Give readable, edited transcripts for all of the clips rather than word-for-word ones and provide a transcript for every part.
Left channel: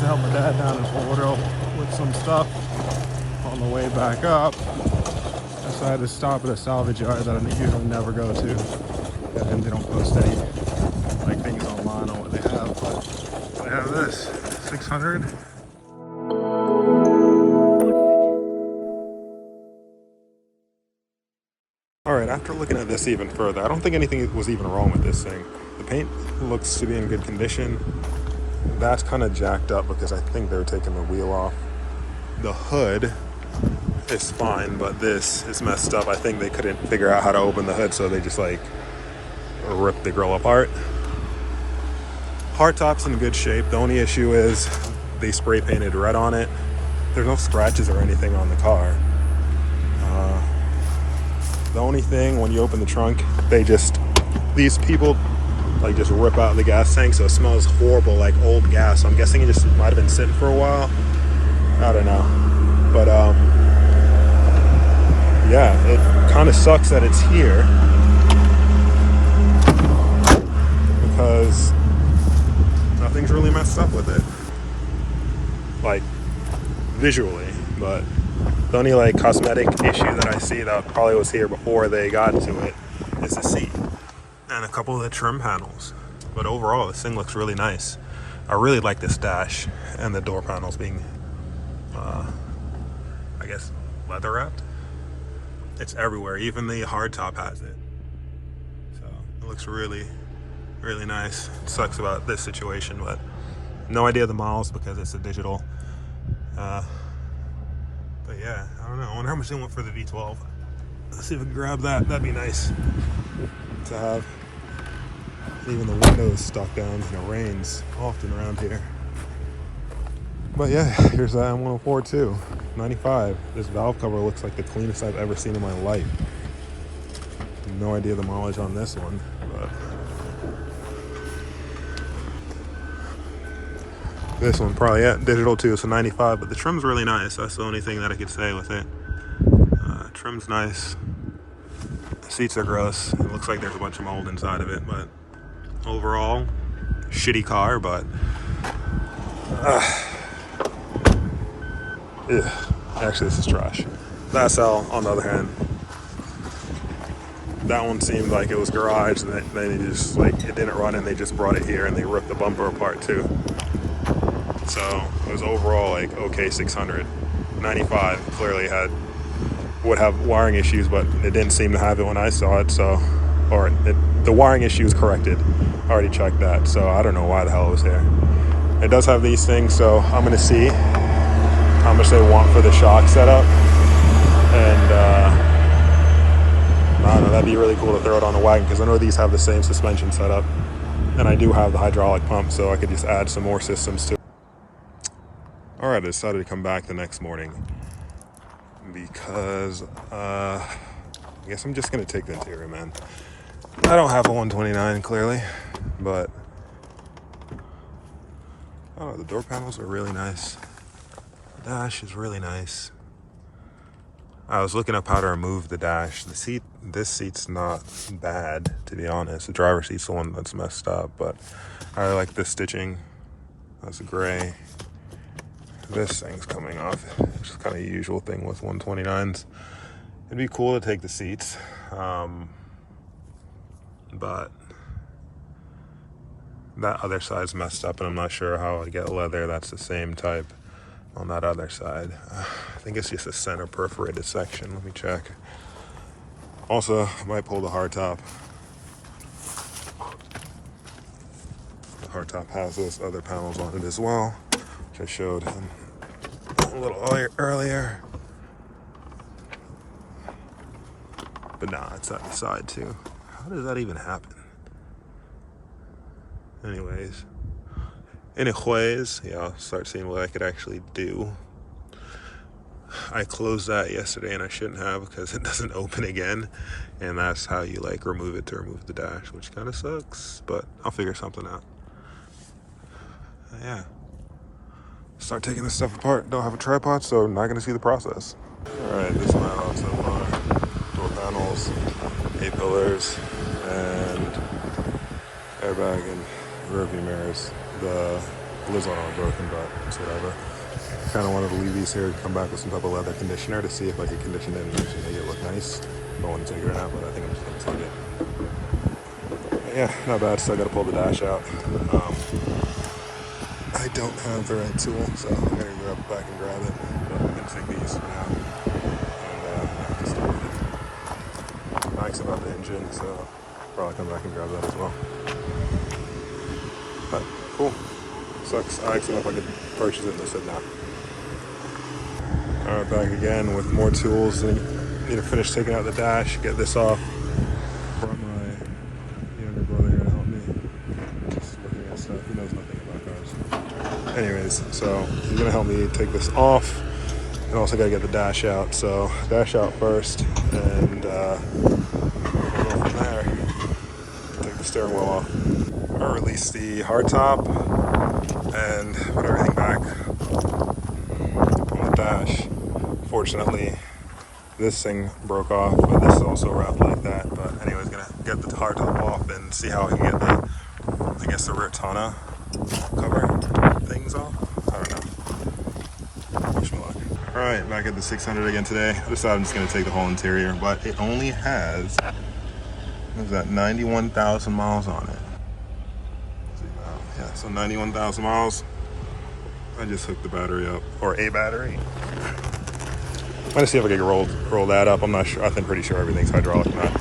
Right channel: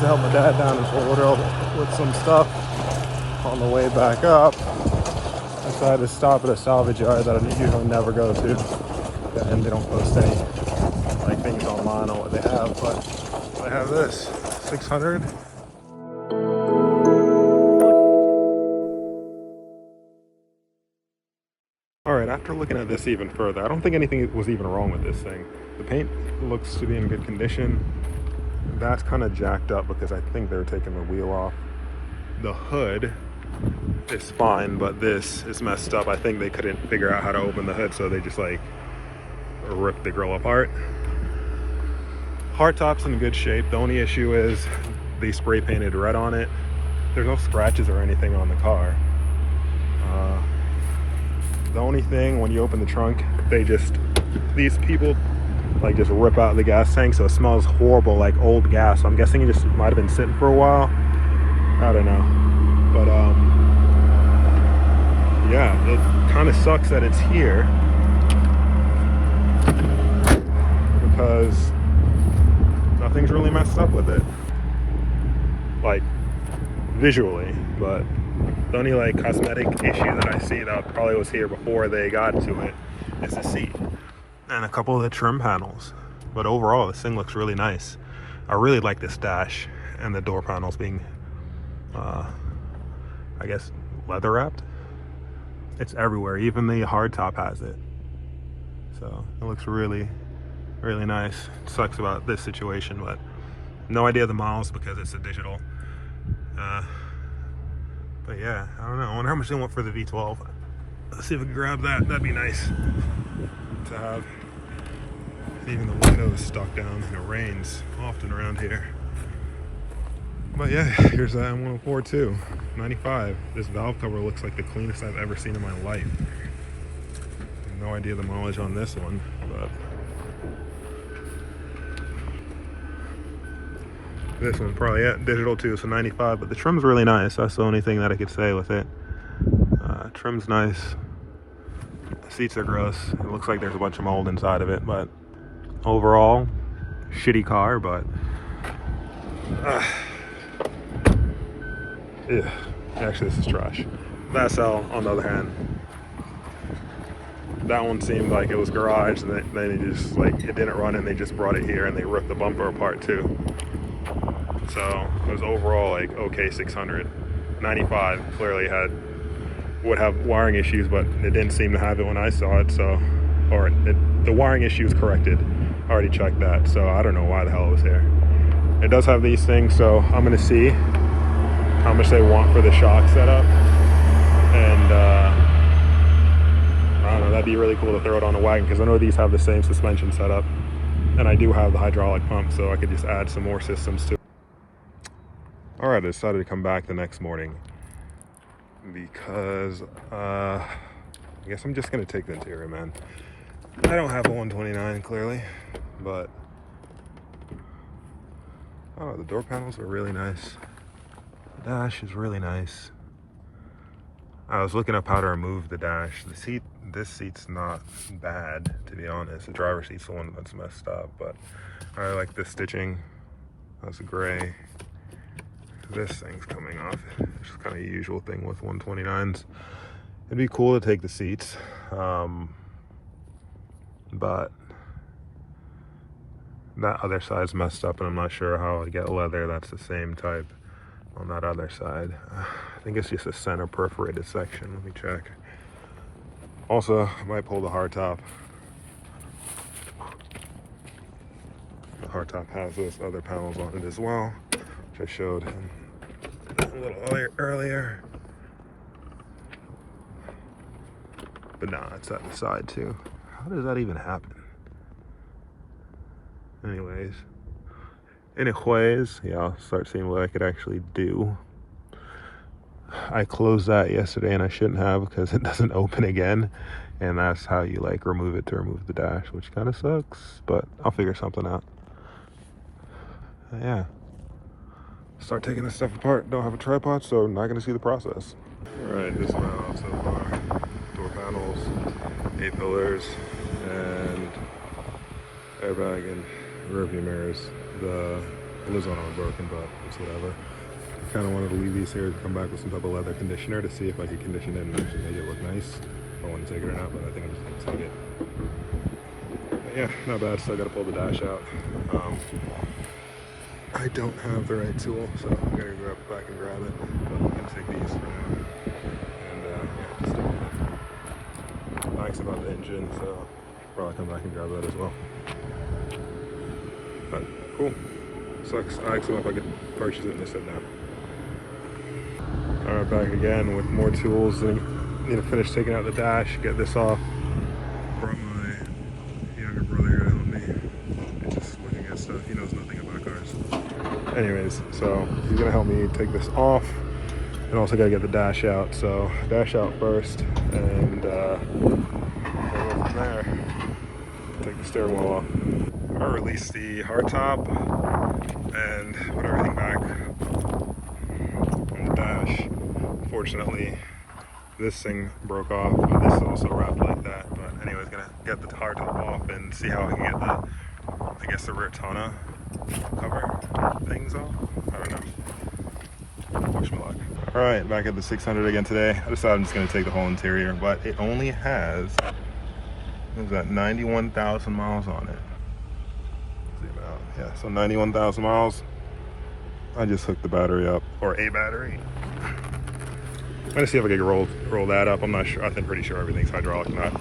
to help my dad down in Fort Lauderdale with some stuff on the way back up. And so I had to stop at a salvage yard that I usually never go to, and they don't post any like things online on what they have, but I have this 600. Alright, after looking at this even further, I don't think anything was even wrong with this thing. The paint looks to be in good condition. That's kind of jacked up because I think they were taking the wheel off. The hood is fine, but this is messed up. I think they couldn't figure out how to open the hood, so they just like ripped the grill apart. Hardtop's in good shape. The only issue is they spray painted red on it. There's no scratches or anything on the car. The only thing, when you open the trunk, these people like just rip out the gas tank, so it smells horrible, like old gas. So I'm guessing it just might have been sitting for a while. I don't know, but yeah, it kind of sucks that it's here because nothing's really messed up with it, like visually. But the only like cosmetic issue that I see that probably was here before they got to it is the seat and a couple of the trim panels. But overall, this thing looks really nice. I really like this dash and the door panels being, I guess, leather wrapped. It's everywhere. Even the hardtop has it. So it looks really, really nice. It sucks about this situation, but no idea the miles because it's a digital. But yeah, I don't know. I wonder how much they want for the V12. Let's see if we can grab that. That'd be nice to have. Even the windows stuck down, and it rains often around here. But yeah, here's that M104 too. 95. This valve cover looks like the cleanest I've ever seen in my life. No idea the mileage on this one, but this one probably, yeah, digital too, so 95, but the trim's really nice. That's the only thing that I could say with it. Trim's nice. The seats are gross. It looks like there's a bunch of mold inside of it, but overall, shitty car, but yeah. Actually, this is trash. The SL, on the other hand, that one seemed like it was garage, and then they just, like, it didn't run, and they just brought it here, and they ripped the bumper apart too. So it was overall like okay 600. 95 clearly would have wiring issues, but it didn't seem to have it when I saw it. So, the wiring issue is corrected. I already checked that, so I don't know why the hell it was here. It does have these things, so I'm gonna see how much they want for the shock setup, and I don't know. That'd be really cool to throw it on a wagon because I know these have the same suspension setup, and I do have the hydraulic pump, so I could just add some more systems to it. Alright, I decided to come back the next morning because I guess I'm just going to take the interior, man. I don't have a 129 clearly, but I don't know, the door panels are really nice. The dash is really nice. I was looking up how to remove the dash. This seat's not bad, to be honest. The driver's seat's the one that's messed up, but I like the stitching. That's gray. This thing's coming off, which is kind of a usual thing with 129s. It'd be cool to take the seats, but that other side's messed up, and I'm not sure how I'd get leather that's the same type on that other side. I think it's just a center perforated section. Let me check. Also, I might pull the hardtop. The hardtop has those other panels on it as well, which I showed him a little earlier. But nah, it's at the side too. How does that even happen? Anyways, yeah, I'll start seeing what I could actually do. I closed that yesterday and I shouldn't have because it doesn't open again, and that's how you like remove it to remove the dash, which kind of sucks, but I'll figure something out. Yeah, start taking this stuff apart. Don't have a tripod, so I'm not gonna see the process. All right, this is my out so far. Door panels, A-pillars, and airbag and rear view mirrors. The lids on them are broken, but it's whatever. I kind of wanted to leave these here, come back with some type of leather conditioner to see if I could condition it and actually make it look nice. I don't want to take it or not, but I think I'm just going to take it. Yeah, not bad. Still got to pull the dash out. I don't have the right tool, so I'm going to go back and grab it. But I'm going to take these for now. And yeah, just stick with it. Nice about the engine, so probably come back and grab that as well. But cool. Sucks. I asked them if I could purchase it and they said no. Alright, back again with more tools. Need to finish taking out the dash, get this off. Brought my younger brother here to help me. Just looking at stuff. He knows nothing about cars. Anyways, so he's gonna help me take this off. And also gotta get the dash out. So dash out first and we'll go from there. Take the steering wheel off. I released the hardtop and put everything back on the dash. Fortunately, this thing broke off, but this is also wrapped like that. But anyways, gonna get the hardtop off and see how I can get the, I guess the rear tonneau cover things off. I don't know. Wish me luck. All right, back at the 600 again today. I decided I'm just gonna take the whole interior, but it only has, what is that, 91,000 miles on it. Yeah, so 91,000 miles. I just hooked the battery up, or a battery. I'm gonna see if I can roll that up. I'm not sure. I'm pretty sure everything's hydraulic, not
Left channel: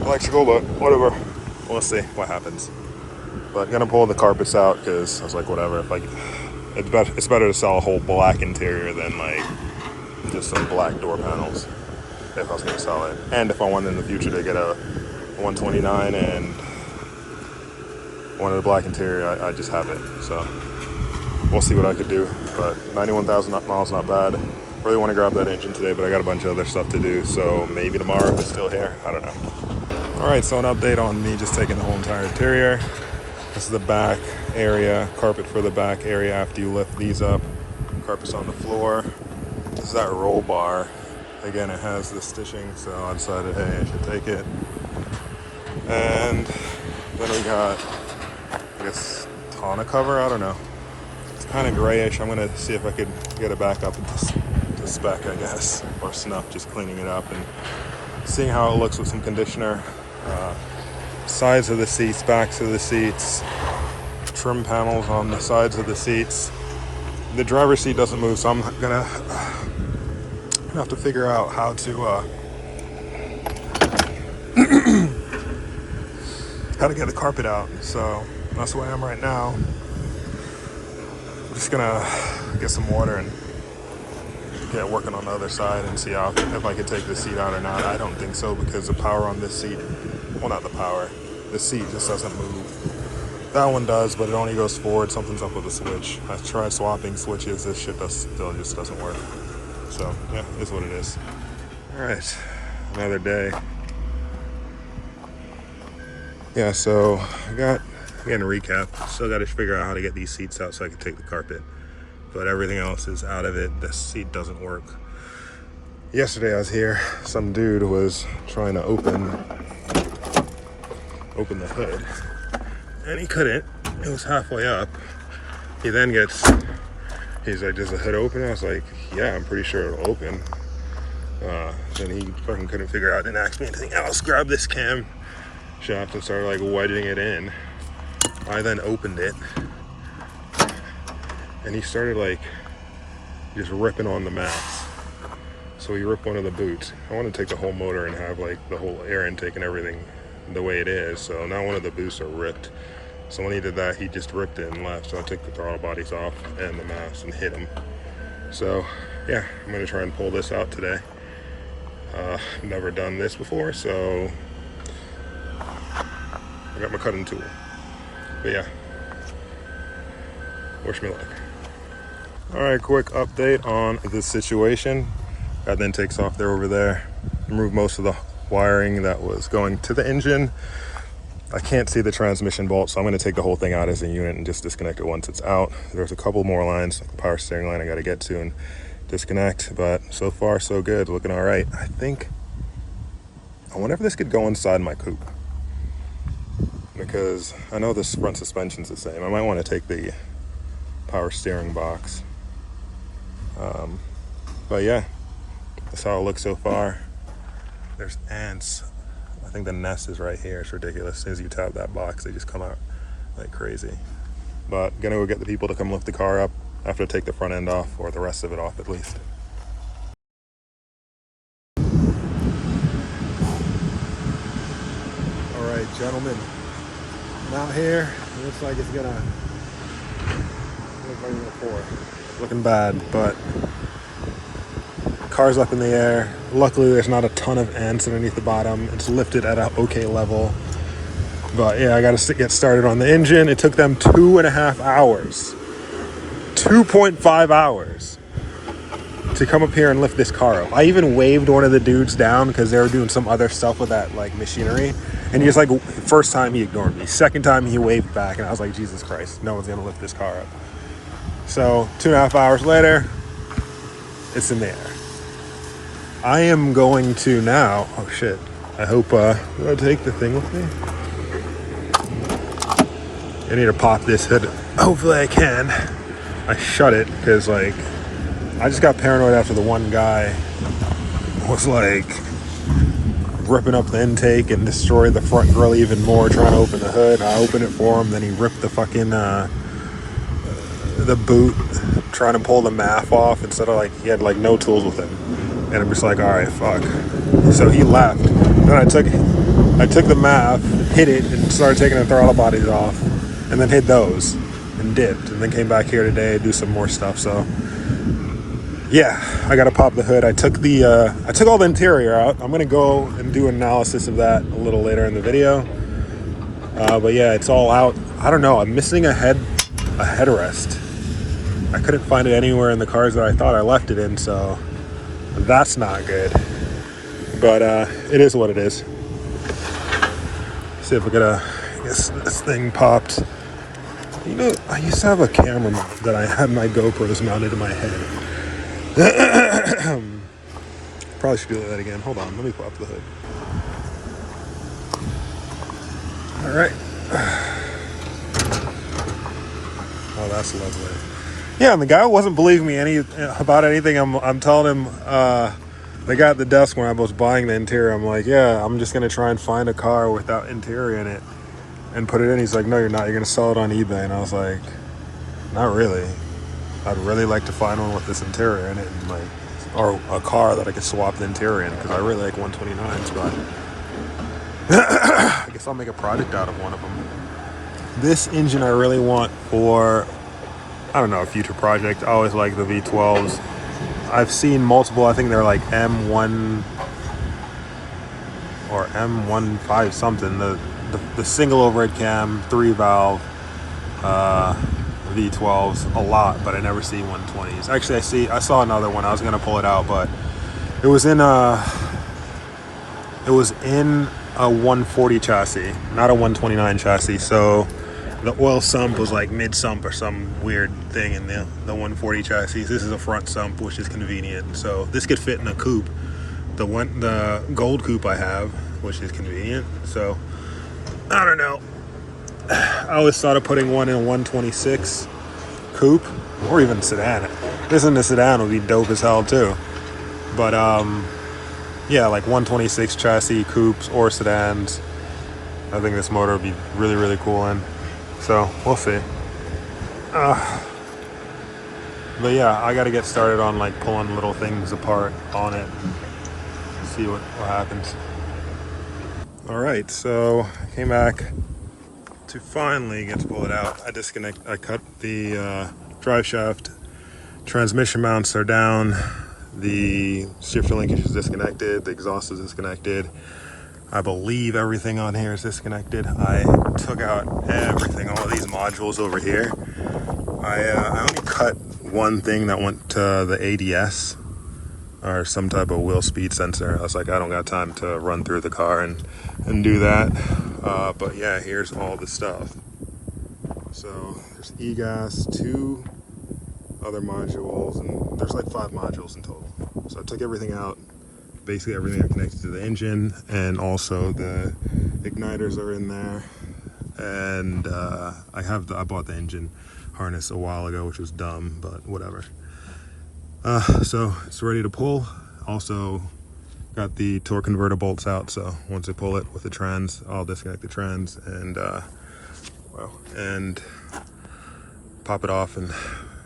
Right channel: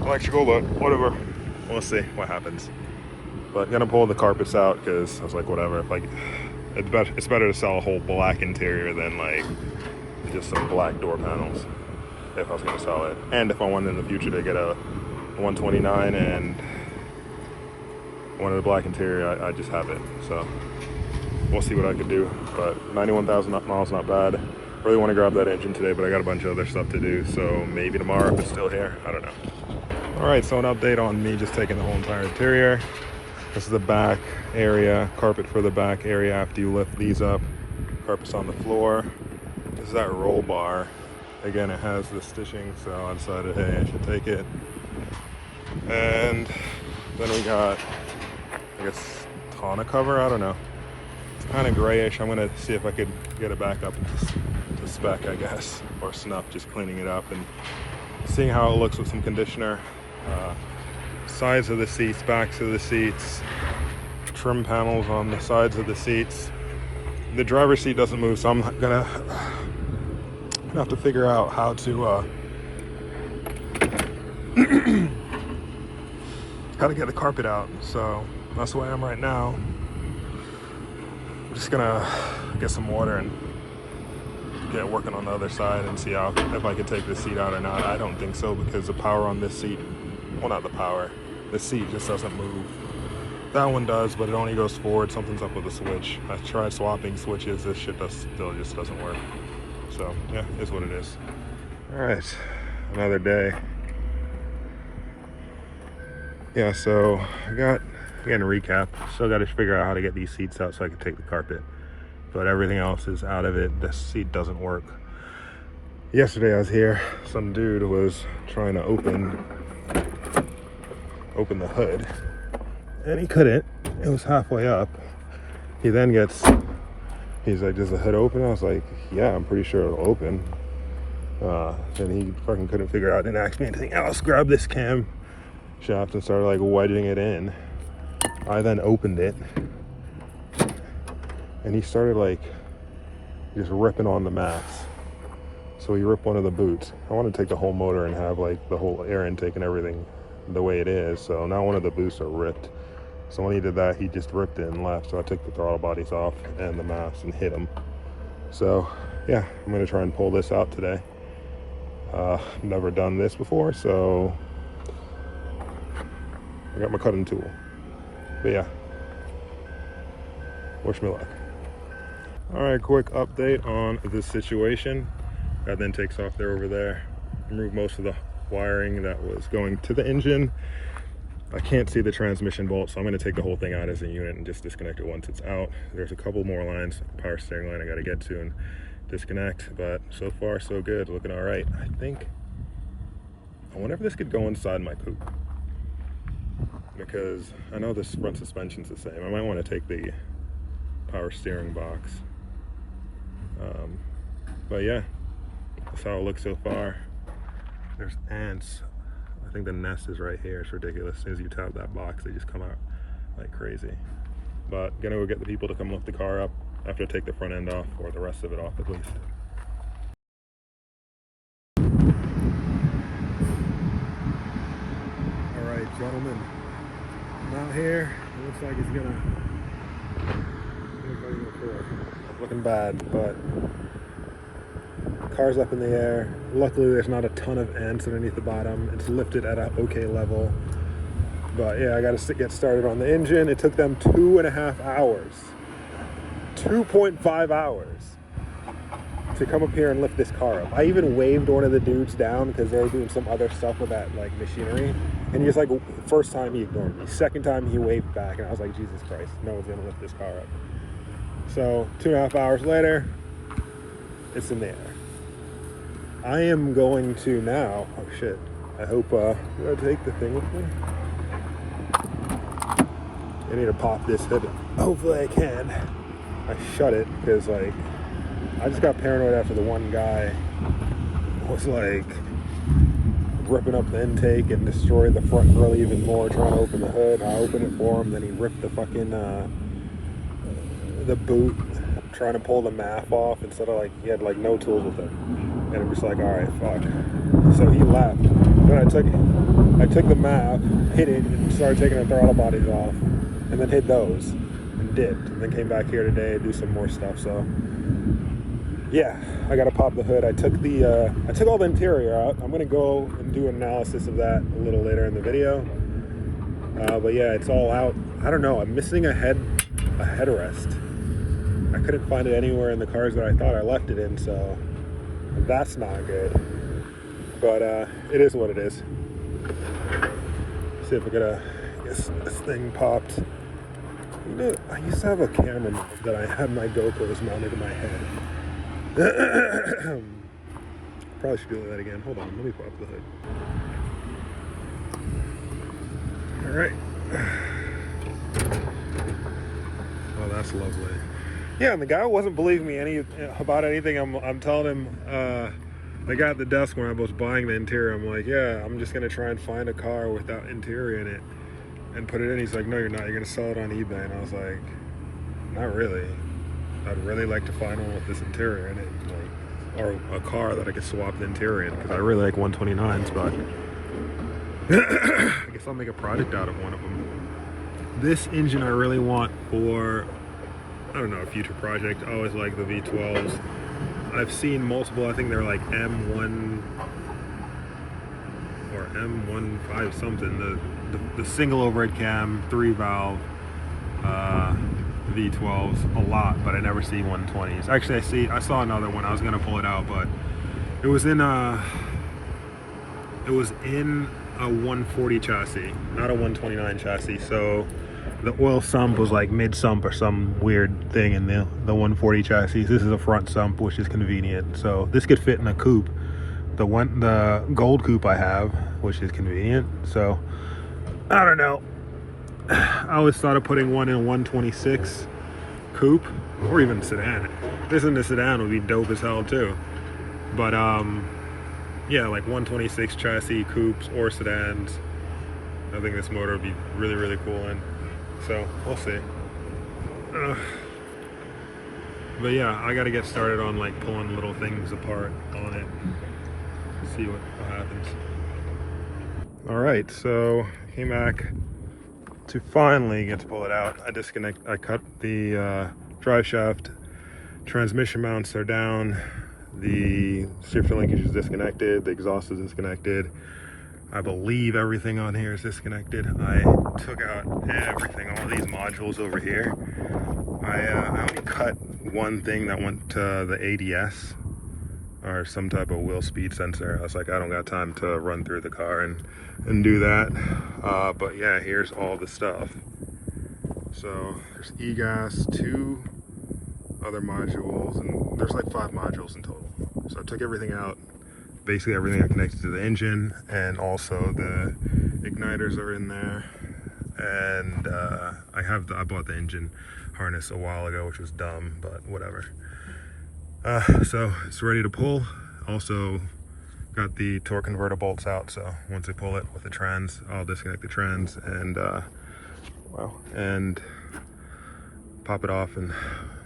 electrical, but whatever. We'll see what happens. But I'm gonna pull the carpets out because I was like, whatever. If it's better to sell a whole black interior than like just some black door panels. If I was gonna sell it, and if I wanted in the future to get a 129 and wanted a black interior, I just have it. So we'll see what I could do. But 91,000 miles, not bad. Really want to grab that engine today, but I got a bunch of other stuff to do. So maybe tomorrow if it's still here. I don't know. All right, so an update on me just taking the whole entire interior. This is the back area, carpet for the back area after you lift these up. Carpet's on the floor. This is that roll bar. Again, it has the stitching, so I decided, hey, I should take it. And then we got, I guess, tonneau cover. I don't know. It's kind of grayish. I'm gonna see if I could get it back up to spec, I guess, or snuff. Just cleaning it up and seeing how it looks with some conditioner. Sides of the seats, backs of the seats, trim panels on the sides of the seats. The driver's seat doesn't move, so I'm gonna have to figure out how to how to get the carpet out. So that's where I am right now. I'm just gonna get some water and get working on the other side and see if I could take the seat out or not. I don't think so, because the power on this seat, well, not the power, the seat just doesn't move. That one does, but it only goes forward. Something's up with the switch. I've tried swapping switches. This shit still just doesn't work. So yeah, it's what it is. All right, another day. Yeah, so again, recap. Still got to figure out how to get these seats out so I can take the carpet. But everything else is out of it. The seat doesn't work. Yesterday I was here. Some dude was trying to open the hood, and he couldn't. It was halfway up. He then he's like, does the hood open? I was like, yeah, I'm pretty sure it'll open. Then he fucking couldn't figure out, didn't ask me anything else. Grabbed this cam shaft and started like wedging it in. I then opened it, and he started like just ripping on the mats. So he ripped one of the boots. I want to take the whole motor and have like the whole air intake and everything the way it is. So now one of the boots are ripped. So when he did that, he just ripped it and left. So I took the throttle bodies off and the mats and hit them. So yeah, I'm gonna try and pull this out today. Never done this before, so I got my cutting tool. But yeah, wish me luck. All right, quick update on this situation. That then takes off there over there. Remove most of the wiring that was going to the engine. I can't see the transmission bolt, so I'm going to take the whole thing out as a unit and just disconnect it once it's out. There's a couple more lines, like the power steering line I got to get to and disconnect, but so far so good, looking all right. I wonder if this could go inside my coupe, because I know this front suspension's the same. I might want to take the power steering box. But yeah, that's how it looks so far. There's ants. I think the nest is right here. It's ridiculous. As soon as you tap that box, they just come out like crazy. But gonna go get the people to come lift the car up. I have to take the front end off, or the rest of it off at least. All right, gentlemen, I'm out here. It looks like it's gonna looking bad, but car's up in the air. Luckily, there's not a ton of ants underneath the bottom. It's lifted at an okay level. But yeah, I got to get started on the engine. It took them 2.5 hours, 2.5 hours to come up here and lift this car up. I even waved one of the dudes down because they were doing some other stuff with that like machinery. And he's like, first time he ignored me. Second time he waved back, and I was like, Jesus Christ, no one's gonna lift this car up. So 2.5 hours later, it's in the air. I am going to now, oh shit, I hope, did I take the thing with me? I need to pop this hood. Hopefully I can. I shut it because like, I just got paranoid after the one guy was like ripping up the intake and destroyed the front grill even more, trying to open the hood. I opened it for him, then he ripped the fucking, the boot, trying to pull the MAF off instead of like, he had like no tools with him. And I'm just like, all right, fuck. So he left. Then I took the MAF, hit it, and started taking the throttle bodies off, and then hit those and dipped, and then came back here today to do some more stuff. So yeah, I gotta pop the hood. I took all the interior out. I'm gonna go and do an analysis of that a little later in the video. But yeah, it's all out. I don't know, I'm missing a headrest. I couldn't find it anywhere in the cars that I thought I left it in, so that's not good. But it is what it is. See if we get this thing popped. You know, I used to have a camera that I had my GoPros mounted to my head. Probably should do that again. Hold on, let me pop the hood. All right. Oh, that's lovely. Yeah, and the guy wasn't believing me about anything. I'm telling him, the guy at the desk when I was buying the interior, I'm like, yeah, I'm just gonna try and find a car without interior in it and put it in. He's like, no, you're not. You're gonna sell it on eBay. And I was like, not really. I'd really like to find one with this interior in it, and like, or a car that I could swap the interior in, because I really like 129s, but I guess I'll make a project out of one of them. This engine I really want for, I don't know, a future project. I always like the V12s. I've seen multiple, I think they're like M1 or M15 something, the single overhead cam, 3-valve V12s a lot, but I never see 120s. Actually, I saw another one. I was gonna pull it out, but it was in a 140 chassis, not a 129 chassis. So the oil sump was like mid sump or some weird thing in the 140 chassis. This is a front sump, which is convenient. So this could fit in a coupe, the gold coupe I have, which is convenient. So I don't know. I always thought of putting one in a 126 coupe or even sedan. This in the sedan would be dope as hell too. But yeah, like 126 chassis coupes or sedans. I think this motor would be really, really cool in. So we'll see. But yeah, I got to get started on like pulling little things apart on it and see what happens. All right, so I came back to finally get to pull it out. I cut the drive shaft. Transmission mounts are down. The shifter linkage is disconnected. The exhaust is disconnected. I believe everything on here is disconnected. I took out everything, all of these modules over here. I only cut one thing that went to the ADS or some type of wheel speed sensor. I was like, I don't got time to run through the car and do that. But yeah, here's all the stuff. So there's e-gas, 2 other modules, and there's like 5 modules in total. So I took everything out, basically everything that connected to the engine, and also the igniters are in there. And I bought the engine harness a while ago, which was dumb, but whatever. So it's ready to pull. Also got the torque converter bolts out, so once I pull it with the trans, I'll disconnect the trans and and pop it off and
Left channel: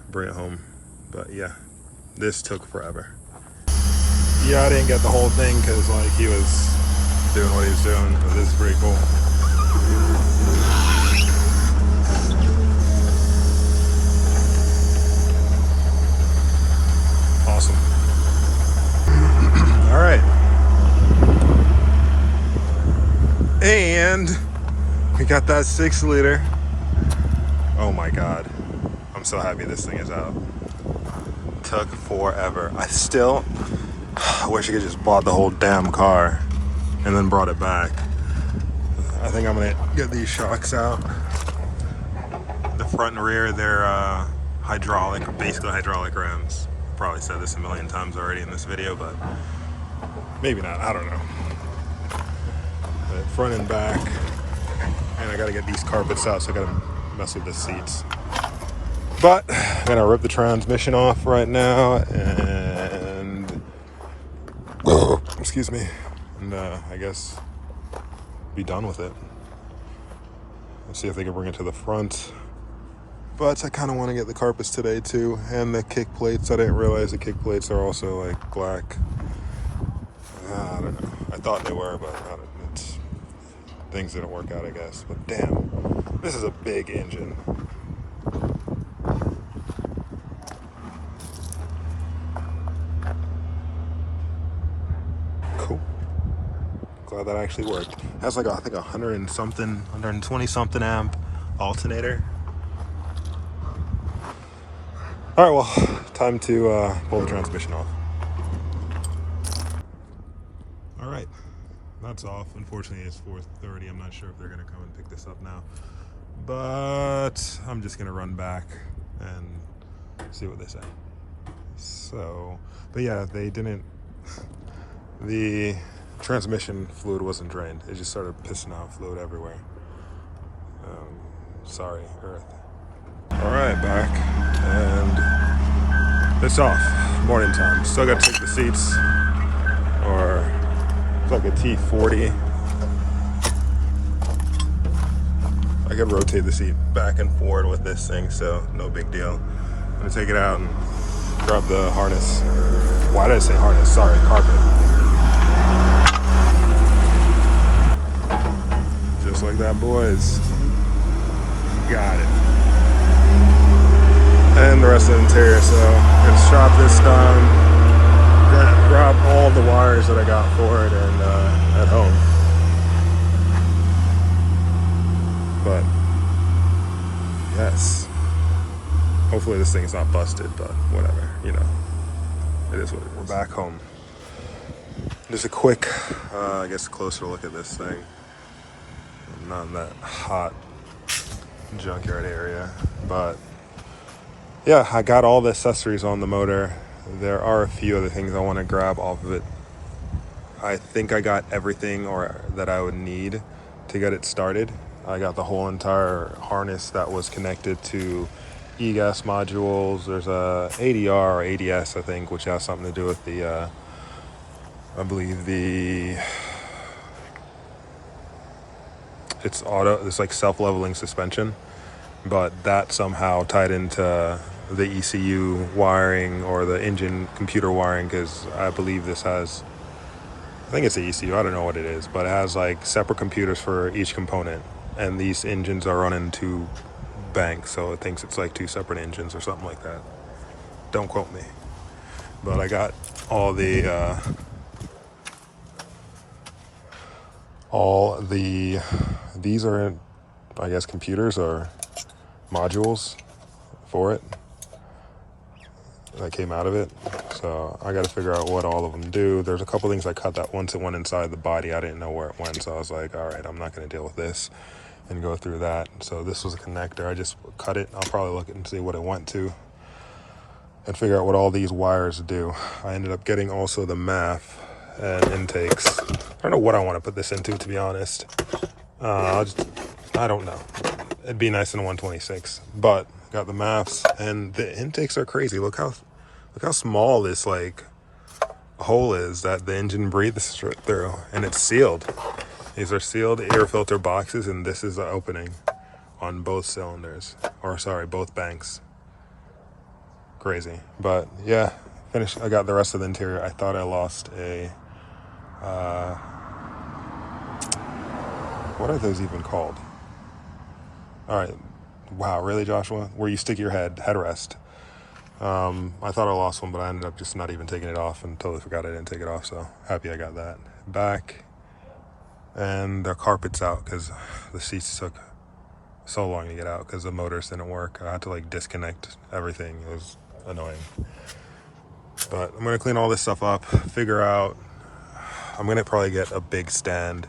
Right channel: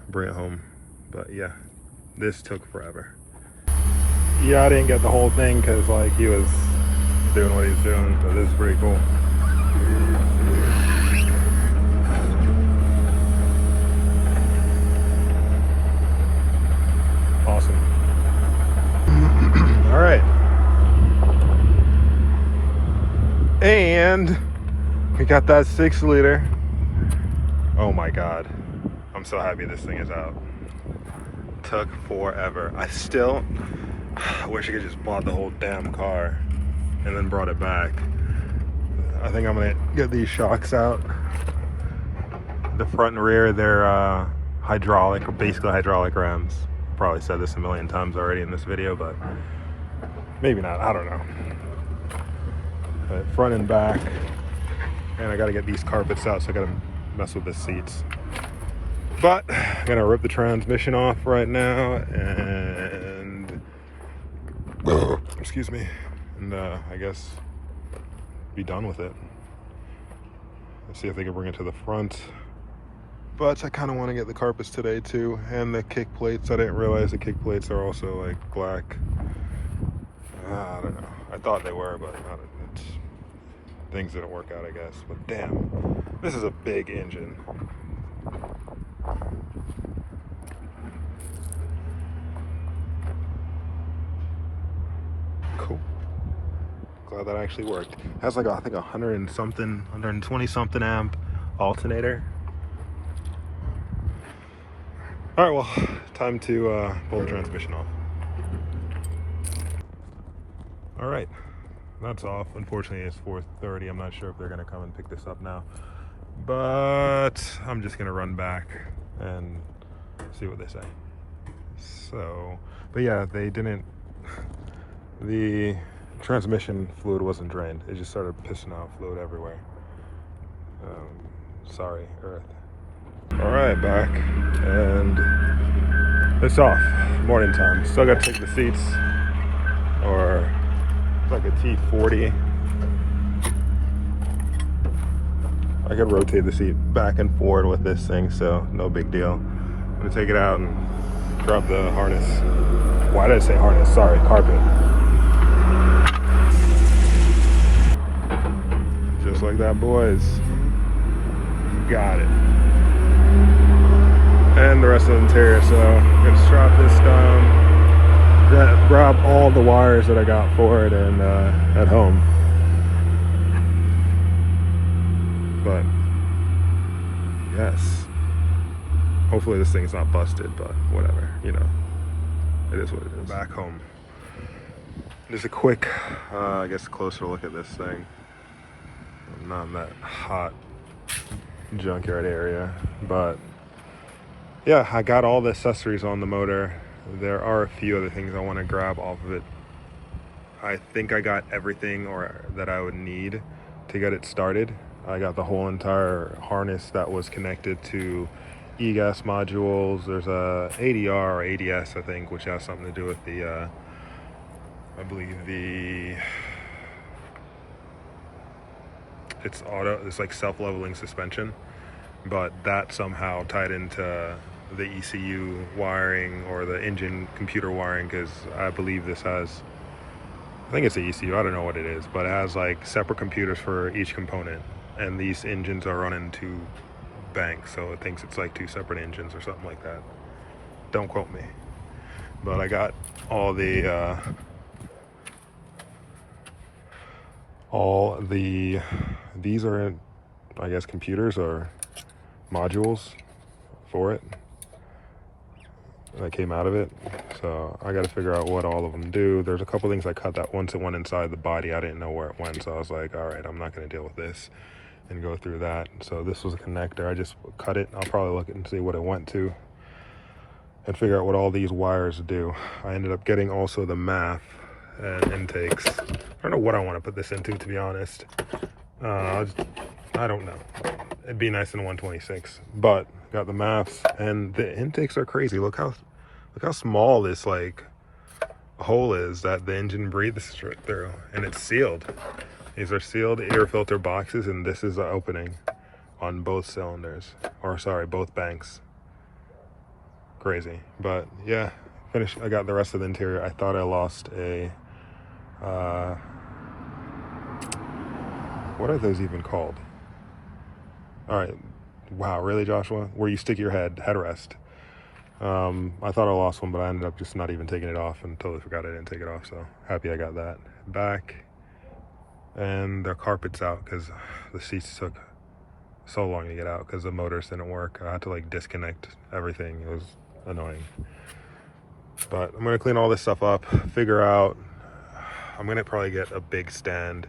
bring it home. But yeah, this took forever. Yeah, I didn't get the whole thing because like he was doing what he was doing, but this is pretty cool. Awesome. All right. And we got that 6-liter. Oh my God. I'm so happy this thing is out. Took forever. I still wish I could just bought the whole damn car and then brought it back. I think I'm gonna get these shocks out. The front and rear, they're hydraulic, or basically hydraulic rams. Probably said this a million times already in this video, but maybe not, I don't know. But front and back, and I gotta get these carpets out, so I gotta mess with the seats. But I'm gonna rip the transmission off right now and excuse me, and I guess be done with it. Let's see if they can bring it to the front. But I kind of want to get the carpets today too, and the kick plates. I didn't realize the kick plates are also like black. I don't know. I thought they were, but it's, things didn't work out, I guess. But damn, this is a big engine. Cool. Glad that actually worked. It has like I think 100 and something, 120 something amp alternator. All right, well, time to pull the transmission off. All right, that's off. Unfortunately, it's 4:30. I'm not sure if they're gonna come and pick this up now, but I'm just gonna run back and see what they say. So, but yeah, they didn't, the transmission fluid wasn't drained. It just started pissing out fluid everywhere. Sorry, Earth. All right, back, and it's off. Morning time. Still got to take the seats, or it's like a T40. I could rotate the seat back and forward with this thing, so no big deal. I'm gonna take it out and grab the harness. Why did I say harness? Sorry, carpet. Just like that, boys. Got it. And the rest of the interior, so I'm gonna strap this down, grab all the wires that I got for it and at home. But yes, hopefully this thing's not busted, but whatever, you know, it is what it is. We're back home. Just a quick, I guess, closer look at this thing. I'm not in that hot junkyard area, but yeah, I got all the accessories on the motor. There are a few other things I want to grab off of it. I think I got everything that I would need to get it started. I got the whole entire harness that was connected to e-gas modules. There's a ADR or ADS, I think, which has something to do with the, I believe it's like self-leveling suspension, but that somehow tied into the ECU wiring or the engine computer wiring, because I believe this has, I think it's the ECU, I don't know what it is, but it has like separate computers for each component, and these engines are running 2 banks, so it thinks it's like 2 separate engines or something like that. Don't quote me, but I got all the these are, I guess, computers or modules for it that came out of it. So I got to figure out what all of them do. There's a couple things I cut that once it went inside the body, I didn't know where it went. So I was like, all right, I'm not going to deal with this and go through that. So this was a connector. I just cut it. I'll probably look at it and see what it went to and figure out what all these wires do. I ended up getting also the MAF and intakes. I don't know what I want to put this into, to be honest. I'll just I don't know. It'd be nice in a 126, but got the maps, and the intakes are crazy. Look how small this like hole is that the engine breathes through, and it's sealed. These are sealed air filter boxes, and this is the opening on both cylinders, or sorry, both banks. Crazy. But yeah, finished. I got the rest of the interior. I thought I lost a what are those even called? All right. Wow, really, Joshua? Where you stick your headrest. I thought I lost one, but I ended up just not even taking it off and totally forgot I didn't take it off. So happy I got that back. And the carpet's out because the seats took so long to get out because the motors didn't work. I had to like disconnect everything. It was annoying. But I'm gonna clean all this stuff up, figure out. I'm gonna probably get a big stand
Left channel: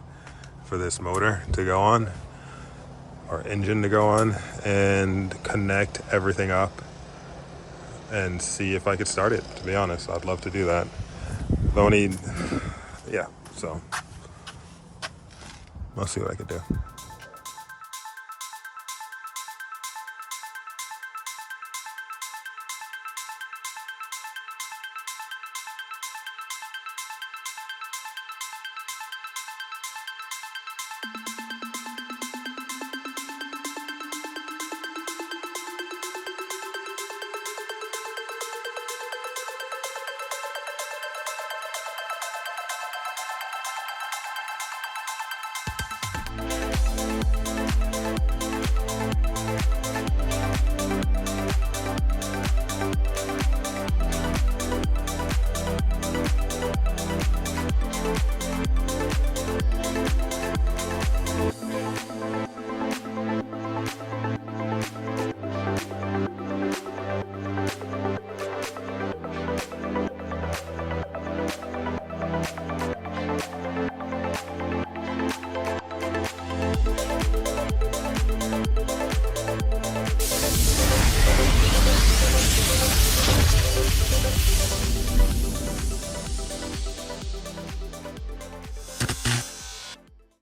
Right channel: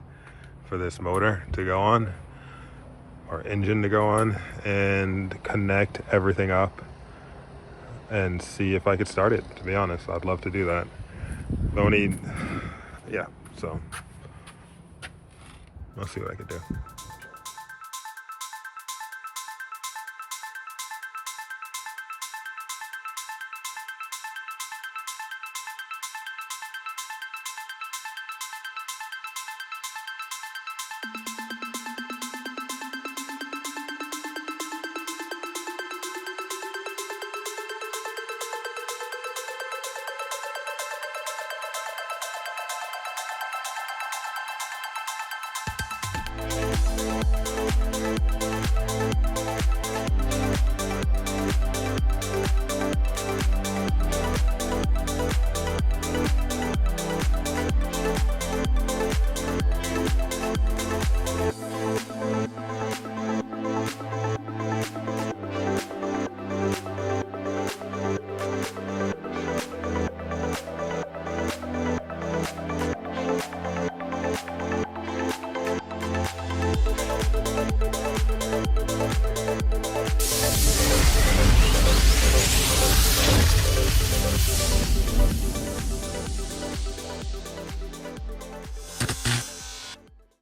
for this motor to go on, or engine to go on, and connect everything up and see if I could start it. To be honest, I'd love to do that. Though I need, yeah. So I'll see what I could do.